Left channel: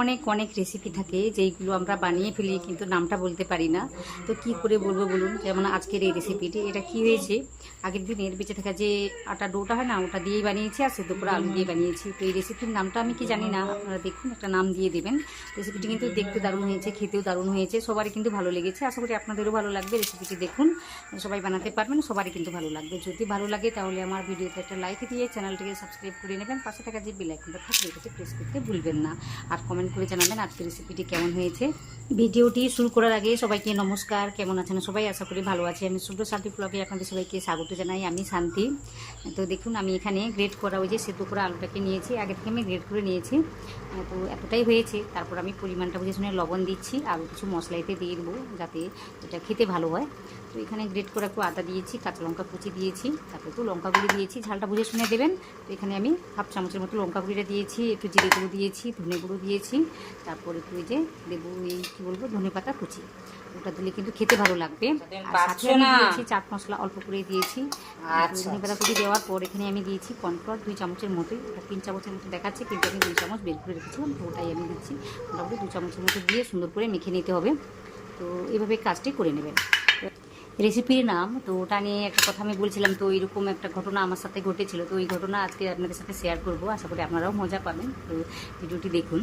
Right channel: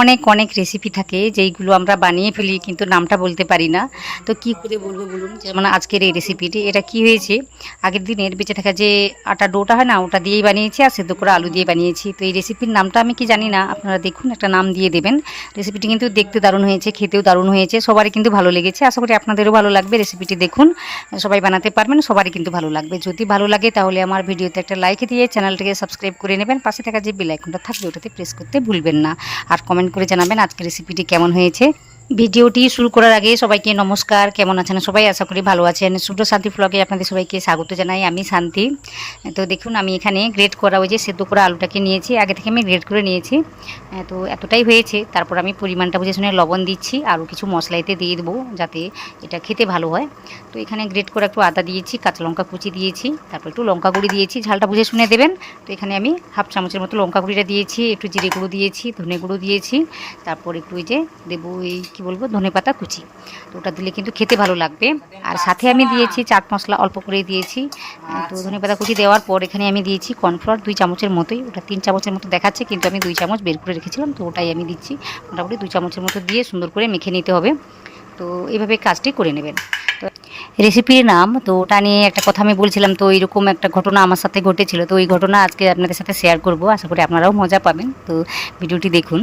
অনেক অনেক রেসিপি থাকে যেইগুলো আমরা বানিয়ে ফেলি কিন্তু নামটা বলতে পারি না। তো কি করে বলবো বলুন? যেমন আজকের এই রেসিপিটি, এটা কি হয়েছে, আগের দিনের বেঁচে থাকা যে আটা ডোটা হয় না, ওটা দিয়েই বানিয়েছি আর সেদ্ধ করে আলু দিয়ে বানিয়েছি। তো এই রেসিপির নামটা আমি কি জানি না, আপনারা দেখুন একটা নাম দিয়ে দেবেন। রেসিপিটি কিন্তু দেখতে দারুণ হয়েছে, খেতেও দারুণ হয়েছে, সবারই কিন্তু ভালো লেগেছে। আশা করি আপনাদেরও ভালো লাগবে। রেসিপিটি দেখুন, সবাই বানাতে পারবেন, সবারই কিন্তু ভালো লাগবে। যদি ভালো লাগে তাহলে আমার ভিডিওতে একটা লাইক দিয়ে চ্যানেলটিকে সাবস্ক্রাইব করে নেবেন। পাশে থাকা যে বেল আইকনটা থাকবে ওটাতে প্রেস করতে ভুলবেন না। আর কমেন্ট করে জানাবেন আজকের রেসিপিটি কেমন হয়েছে। ভিডিওটি শুরু করার আগে সবাইকে নমস্কার। কেমন আছেন সবাই? আশা করি ভালো আছেন। শুভ্র শান্তি ব্লগে আপনাদের সবাইকে স্বাগত জানাই। আমি শান্তি। তো দেখুন, আমি এখানে গ্রেট করা ওই যে সেদ্ধ করা আলুটাকে নিয়েছি, আগে থেকে আমি গ্রেট করে নিয়েছি। তো এতটাই হয়েছে। তারপর আমি পরিমাণটা বুঝে শুনে লবণ দিচ্ছি, আরও কিছু মশলা এতে দিয়ে দেবো যাতে এটা খেতে ভালো হয়। তো এখানে গ্রেট করে একটু আদা দিয়েছি, কাঁচা লঙ্কা কুচি দিয়েছি, তারপর একটু লঙ্কা গুঁড়ি দিয়েছি, ঝালটা বুঝে শুনে দেবেন। তো এখানে আমি হাফ চামচের মতো লঙ্কা গুঁড়িটা দিয়েছি, একটু জিরে গুঁড়ো দিয়েছি, ধনে গুঁড়ো দিয়েছি, তারপর একটু ওই যে দেবো এই কী বলবো, ধনে পাতা কুচি। তো ওটা দিলে কিন্তু খেতে ভালো লাগবে। আর সাথে আমি দিয়েছি চাট মশলা, অল্প করে দিয়েছি। তো ধনে পাতা কুচি দেওয়ার পর এখানে আমি দিয়েছি কর্নফ্লাওয়ার 2 চামচের মতোই, ওটা 3 চামচের মতো দেখাচ্ছে কিন্তু আমি 2 চামচ বের করে রেখেছিলাম, তো ওটাই আমি দিচ্ছি। মোটামুটি 2 চামচের মতো দিয়ে সুন্দর করে মেখে নিতে হবে। তো এইভাবে কাজটি করে নেবেন। তো রেসিপির নাম, তো ওটা নিয়ে একটা কথা আমি বলছিলাম। তো এইরকম একটা ঘটনা আমার সাথে ঘটেছিল, তো ওই ঘটনা আজকে আপনাদের সাথে শেয়ার করব। আশা করি আপনারাও মজা পাবেন। তো ভিডিওটি দেখুন।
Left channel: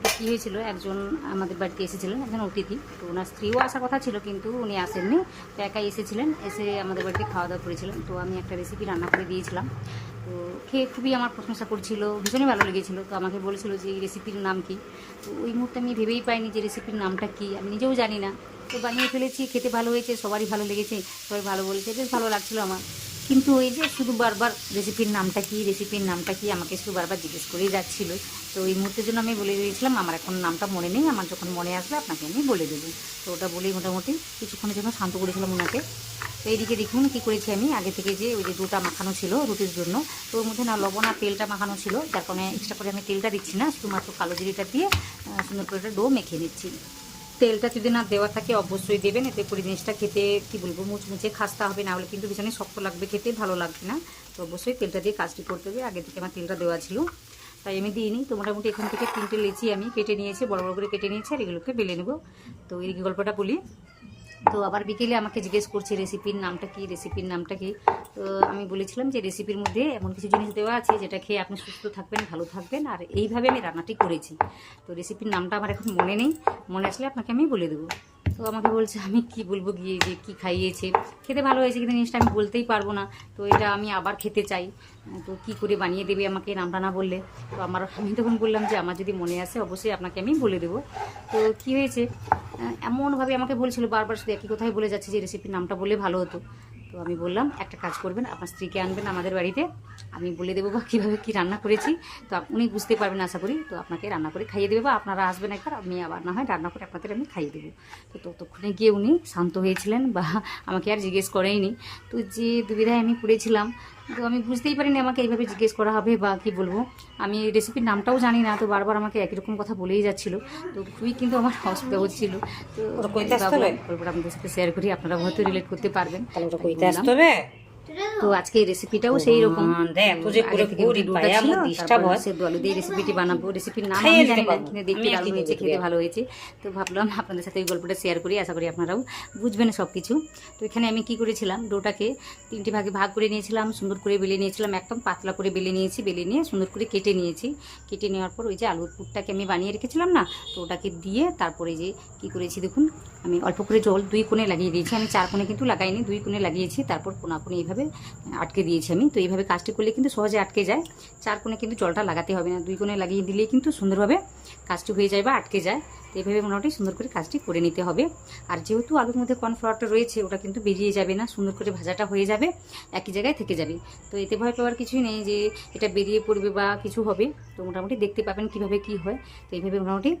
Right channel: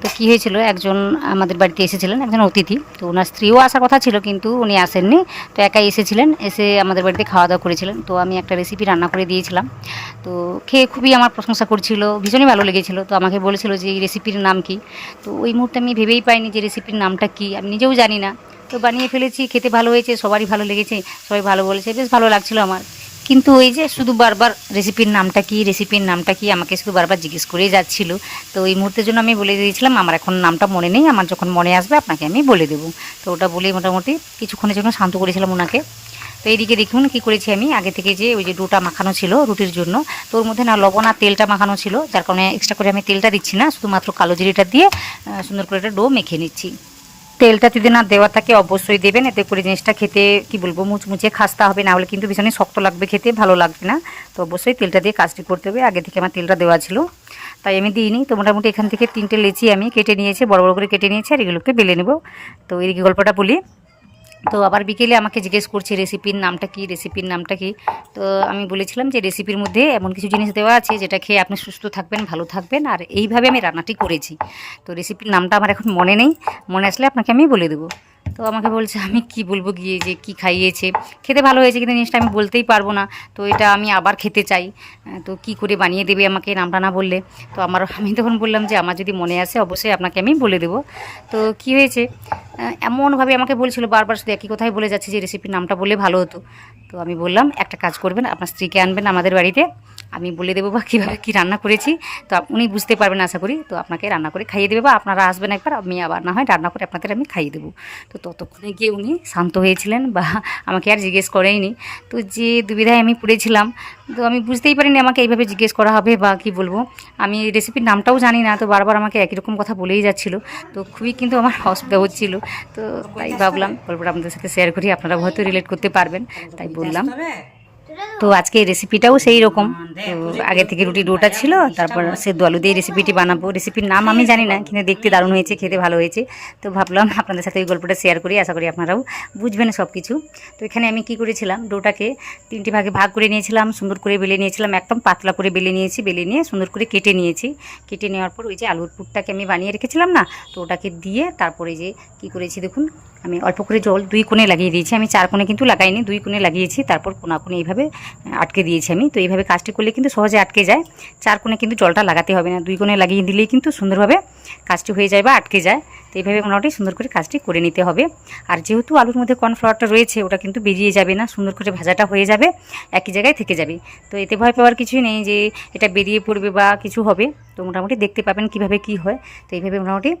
তো কী হয়েছিল, একজন আমাদের বাড়িতে এসেছিলেন, একজন অতিথি। তো ওনার স্ত্রীও আসার কথা ছিল কিন্তু উনি আসেননি। তো একাই এসেছিলেন, এসে আমাদের বাড়িতে খাওয়া দাওয়া করেছিলেন। তো আমি একটা রেসিপি রান্না করে দিয়েছিলাম। তো খেয়ে খুবই আমার প্রশংসা করছিল, ভীষণই ভালো লেগেছিল। তো আমাকে বলেছিল যে এই রেসিপির নাম কি। তো ওই মুহূর্তে আমি ভেবেই পাইনি যে রেসিপির নামটা কি, আমি নিজেও জানি না। তো বানিয়ে ফেলেছি, খেতে ভালো হয়েছে, সবারই ভালো লেগেছে, সবাই ভালো বলেছে, বেশ ভালো লাগছিল আমার। কিন্তু ওই যে শুধু বারবার রেসিপির নামটা কি, রেসিপির নামটা কি, আমাকে শুধু বারবার জিজ্ঞেস করেই যাচ্ছিল। তো ওই মুহূর্তের জন্য আমি বলে দিয়েছিলাম আমার এখন নামটা মনে নেই, আমার যখন মনে আসবে আপনাকে আমি বলে দেবো। তো ওটা বলেই মোটামুটি কিছুক্ষণের জন্য শান্ত করেছিলাম ওনাকে। তো এইদিকে দেখুন কী করেছি আমি, আগে থেকে যে ওই যে ডোটা মাখানো ছিল রুটির জন্য, তো ওর মধ্যে না লবণ আর তেলটা মাখানো ছিল, যার কারণে এক্সট্রা করে আমি তেলটা দিচ্ছি না, শুধুমাত্র কালো জিরেটা দিয়ে সুন্দর করে একটা ডো মেখে নিচ্ছি। তেলটা যদি না দেওয়া থাকে অবশ্যই দেবেন, এতে করে জিনিসটা খেতে কি বলবো মুচমুচে খাস্তা হবে, না হলে কিন্তু ভীষণই শক্ত লাগবে, খেতে ভালো লাগবে না। তো অবশ্যই তেলটা দিয়ে কাজটি করতে হবে। আগে থেকে আমার তেলটা দেওয়া ছিল, তাই আমি দিইনি। তো মোটামুটি এখান থেকে 3টে লেচি আমি কেটে নিয়েছি, বড় বড় করে কেটে নিয়েছি, আর এগুলোকে বেলে নেব। তো এই গল্পটা বলি। তো আবার বিকেলে আমাকে জিজ্ঞেস করছে রেসিপির নামটা কি, রেসিপির নামটা কি। তো আমি বলেছিলাম যে রেসিপির মধ্যে এমন কিছু জিনিস দেওয়া আছে যেটা খেয়ে আপনি সুস্থ থাকবেন, ভালো থাকবেন, আর এইভাবে আমি রান্নাটি করেছি। তো রেসিপির নামটা আমার এখন মনে নেই, মনে আসলে আপনাকে আমি বলে দেবো। তো আমাকে বলছে আমি কি বলবো গিয়ে যে কি খাইয়েছে, খেতে ভালো হয়েছে কিন্তু জিনিসটা আমি বলতেই পারবো না। তো এটা আমি আবার খেতে চাই। তো কি করে বানিয়ে দেবে আমাকে নামটা না বললে। তো আমি তখন বললাম যে আমার যদি মনে আসে অবশ্যই আপনাকে আমি বলে দেবো। তো কি হয়েছে, এমনভাবে আমাকে বলছিল বারবার, শুধু একই কথাই বলে যাচ্ছে যে রেসিপির নামটা বললে ভালো হতো। তো আমি বললাম একটা কাজ করবেন, আপনার স্ত্রীকে আনবেন আমাদের বাড়িতে, আমি বলে দেবো বা কীভাবে কী রান্না করেছি। তো উনি বুঝতে পারবেন আশা করি। তো আপনাকে রান্না করে খাইয়ে দেবে, বা আপনারা আসবেন একবার, আমি আবার না হয় রান্না করে আপনাদের আমি খাইয়ে দেবো। তো ততক্ষণে গিয়ে উনি শান্ত হয়েছিলেন, বা আমাকে আর জিজ্ঞেস করেইনি। তো যে দুবিধায় আমি পড়েছিলাম, তো আমি বুঝতেই পারিনি আমাকে এইভাবে জিজ্ঞেস করা হবে বা কি বলবো। আমি রেসিপির নামটাও জানি না, তো বারবার আমাকে একই রকম কথা বলেই যাচ্ছিলো। তো খুবই কিন্তু আমার অসুবিধা হচ্ছিলো। তো তাই ভাবলাম গল্পটা আপনাদের সাথে শেয়ার করি, আপনারা হয়তো রিলেট করতে পারবেন, তাই বললাম। তো আজকে এই রেসিপিটাও সেই রকম। তো আগে থেকে রুটি ডোটা ছিল, তারপর সেদ্ধ আলু দিয়ে রেসিপিটি বানাবো। রেসিপির নাম আমি জানি না, কিন্তু দেখতে দারুণ হয়েছে, খেতে ভালো হয়েছে। তো ভাবলাম আপনাদের সাথে এই গল্পটা শেয়ার করি, আশা করি আপনারাও বুঝবেন সব কিছু। তো এখানে আমি কি করেছিলাম, ডোটাকে 3টে ভাগে ভাগ করে নিয়েছিলাম, সুন্দর করে বেলে নিয়েছিলাম, একদম পাতলা করে বেলে নিয়েছি, বেলে নিয়ে সুন্দর করে কেটে নিয়েছি। কেটে নেওয়ার পর ওই যে আলুর পুরটাকে আমি বানিয়ে রেখেছিলাম না, তো ওটাকে দিয়ে তারপরে যে কি করেছি দেখুন, আমি অল্প করে জল 2 কোণে লাগিয়ে দিয়েছি। আমি 4 কোণে কিন্তু লাগাইনি, 2 কোণে লাগিয়েছি, তারপর কোণে এইভাবে আটকে দিয়েছি আমি। তো এইভাবে কাজটি করলে কিন্তু সহজে আটকে যায়। 4 কোণে কিন্তু জলটা লাগাতে হবে না, 2 কোণে লাগিয়ে দিলেই কিন্তু সুন্দরভাবে কাজটি হয়ে যায় বা আটকে যায়। তো এইভাবে মোটামুটি সুন্দর করে কাজটি করে নিতে হবে। আর যেহেতু আলুর মধ্যে কর্নফ্লাওয়ারটা রয়েছে, ওটা কিন্তু বেরিয়ে যাবে না, সুন্দর করে ভাজাটা হয়ে যাবে, একই জায়গায় থেকে যাবে। তো এতে ভয় পাওয়ার কিছুই নেই যে এটা বেরিয়ে পড়বে বা কিছু হবে। তো মোটামুটি দেখতে পাবেন কিভাবে কি হয়। তো এইভাবে মোটামুটি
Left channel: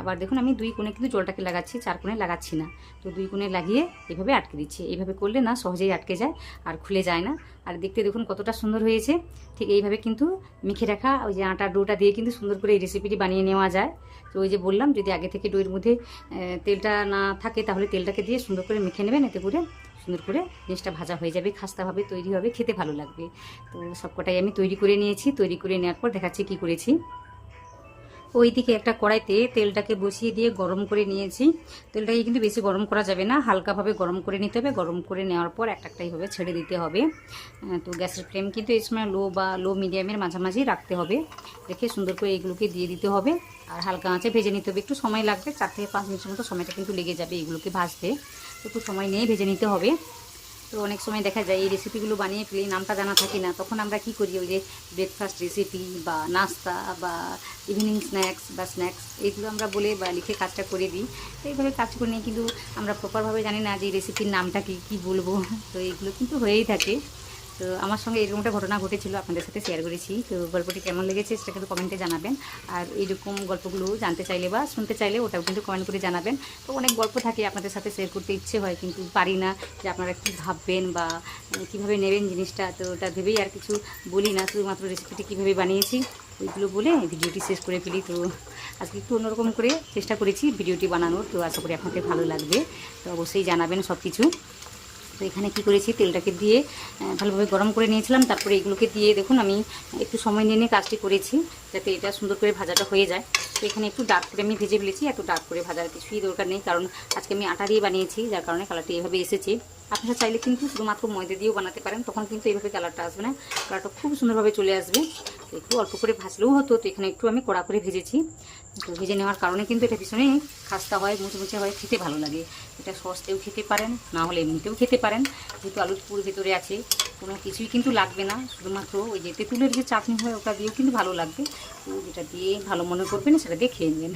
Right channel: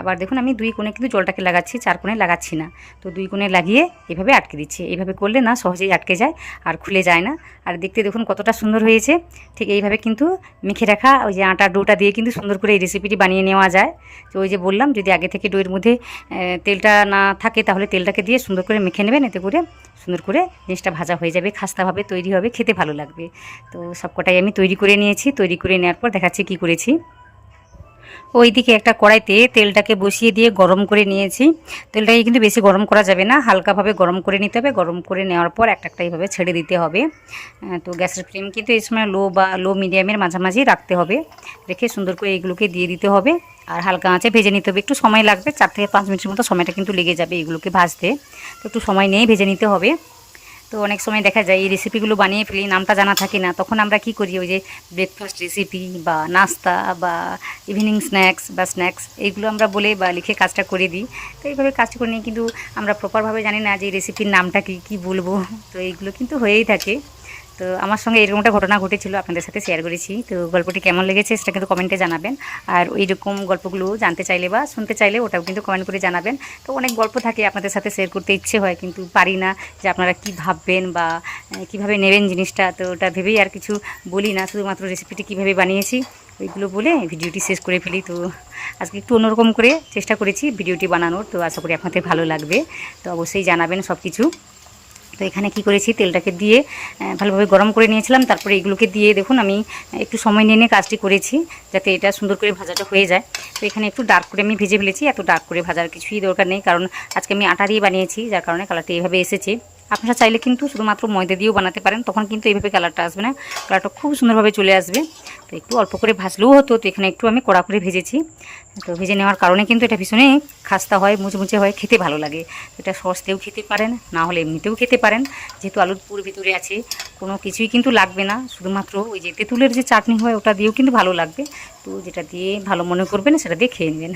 আবার দেখুন আমি 2 কোণে কিন্তু জলটাকে লাগাচ্ছি, 4 কোণে লাগাচ্ছি না। তো 2 কোণে লাগিয়ে এভাবে আটকে দিচ্ছি। এইভাবে করলে না সহজেই আটকে যায় আর খুলে যায় না। আর দেখতে দেখুন কতটা সুন্দর হয়েছে। ঠিক এইভাবে কিন্তু মেখে রাখা ওই যে আটার ডোটা দিয়ে কিন্তু সুন্দর করে এই রেসিপিটি বানিয়ে নেওয়া যায়। তো ওই যে বললাম, যদি আগে থেকে ডোয়ের মধ্যে তেলটা না থাকে তাহলে তেলটাকে দিয়ে সুন্দর করে মেখে নেবেন, এতে করে সুন্দর করে জিনিসটা ভাজা হয়ে যাবে, খাস্তাভাবে তৈরি হবে, খেতে ভালো লাগবে। তো সবকটাই আমি তৈরি করে নিয়েছি। তৈরি করে নেওয়ার পর দেখাচ্ছি কী করেছি। ওইদিকে একটা কড়াইতে তেলটাকে বসিয়ে দিয়ে গরম করে নিয়েছি। তেলটাকে কিন্তু বেশি গরম করা যাবে না, হালকাভাবে গরম করে নিতে হবে। গরম করে নেওয়ার পর একটা এইভাবে ছেড়ে দিতে হবে। তো গ্যাসের ফ্লেম কিন্তু এই সময় লো মিডিয়ামের মাঝামাঝি রাখতে হবে। রেখে সুন্দর করে এগুলোকে দিয়ে দিতে হবে আর হালকা আঁচে ভেজে নিতে হবে। একটু সময় লাগবে, 4 থেকে 5 মিনিটের মতো সময়টা কিন্তু লেগে যাবে এগুলোকে ভাজতে। তো একটু সময় নিয়েই ভেজে নিতে হবে। তো অনেক সময় দেখা যায় এই রেসিপিগুলো বানিয়ে ফেলি, নামটা জানা থাকে না, তখন আমরা কি করি, ওই যে ব্রেকফাস্ট রেসিপি বা নাস্তা বা ইভিনিং স্ন্যাক্স এইগুলো আমরা বলে বা লিখে কাজটা করে দিই। তো এইভাবে কাজটা করে নিয়ে কিন্তু আমরা প্রপারভাবে জানি না যে এই রেসিপির নামটা কী বলবো। তো এইগুলো কিন্তু হয়েই থাকে। তো আমার সঙ্গে এরকম একটা ঘটনা ঘটেছিল, আপনাদের সাথে শেয়ার করেছি। তো গল্পটি কেমন লেগেছে সেটা কিন্তু কমেন্টে জানাবেন। আর এইরকম গল্পগুলো জানতে চাইলে বা শুনতে চাইলে ওটাও কিন্তু কমেন্ট করে জানাবেন। তো অনেক গল্প থাকে আপনাদের সাথে শেয়ার করতে ইচ্ছে হয়, কিন্তু পারি না যে আপনারা কী ভাববেন বা কীভাবে নেবেন জিনিসটা। তো ওটা ভেবেই আর কিছু বলি না, শুধুমাত্র রেসিপিটি কীভাবে বানিয়েছি ওইগুলো বলে ভিডিওটি শেষ করে ফেলি। তো আজকে একটু অন্যরকম করে চেষ্টা করেছি ভিডিওটি বানানোর। তো আশা করি আপনাদের ভালো লাগবে। তো অবশ্যই জানাবেন সব কিছু। তো এখানে কি করেছি, তেলটাকে দিয়ে ভালোভাবে গরম করে নিয়েছিলাম। তারপরে এগুলোকে দিয়ে দেখুন আমি একটু সময় নিয়ে কাজটি করেছি যাতে এটা সুন্দর করে ভাজাটা হয়ে যায়। তো এখানে একটু ডার্ক করে আমি ভেজে ফেলেছি। এত ডার্ক করে ভাজার কিছুই দরকার নেই, কারণ আজকে আমি আটা দিয়ে বানিয়েছি, যার কারণে কালারটা এইভাবে এসেছে। আপনারা চাইলে কিন্তু শুধুমাত্র ময়দা দিয়েও বানাতে পারেন, তখন কিন্তু এইভাবে কালারটা আসবে না, কালারটা খুব সুন্দরভাবে চলে আসবে। তো একটু অল্প করে ভাজলেও হতো, তো এখানে একটু আমি কড়া করে ভেজেছি। তো ভেজে নেওয়ার কারণে কিন্তু এটা ভীষণই খাস্তা হয়, মুচমুচে হয়, খেতে ভালো লাগে। এটা সস দিয়েও খেতে পারেন, না হলে এমনিতেও খেতে পারেন। যেহেতু আলুর পুর ভিতরে আছে, কোনো কিছুই কিন্তু লাগবে না, শুধুমাত্র ওই যে তেঁতুলের যে চাটনি হয় ওটা দিয়েও কিন্তু ভালো লাগবে। তো যেটা দিয়ে ভালো মনে করবেন সেটা দিয়ে খেয়ে নেবেন।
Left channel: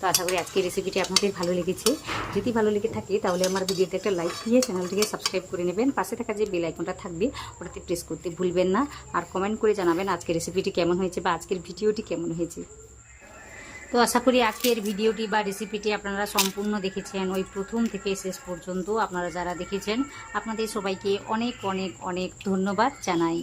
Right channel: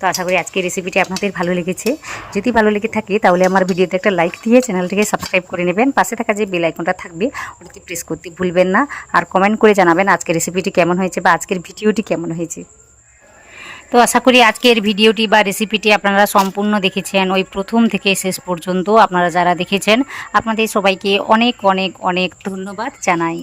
তো আশা করি আজকের রেসিপিটি আপনাদের ভালো লেগেছে। যদি ভালো লেগে থাকে তাহলে আমার ভিডিওতে একটা লাইক দিয়ে চ্যানেলটিকে সাবস্ক্রাইব করে নেবেন। পাশে থাকা যে বেল আইকনটা থাকবে ওটাতে প্রেস করতে ভুলবেন না। আর কমেন্ট করে জানাবেন আজকের রেসিপিটি কেমন হয়েছে বা আজকের ভিডিওটি কেমন হয়েছে। তো আশা করি আজকের ভিডিওটি বা রেসিপিটি আপনারা সম্পূর্ণ দেখেছেন, ওই প্রথম থেকে শেষ পর্যন্ত আপনারা যারা দেখেছেন আপনাদের সবাইকে অনেক অনেক অনেক ধন্যবাদ জানাই।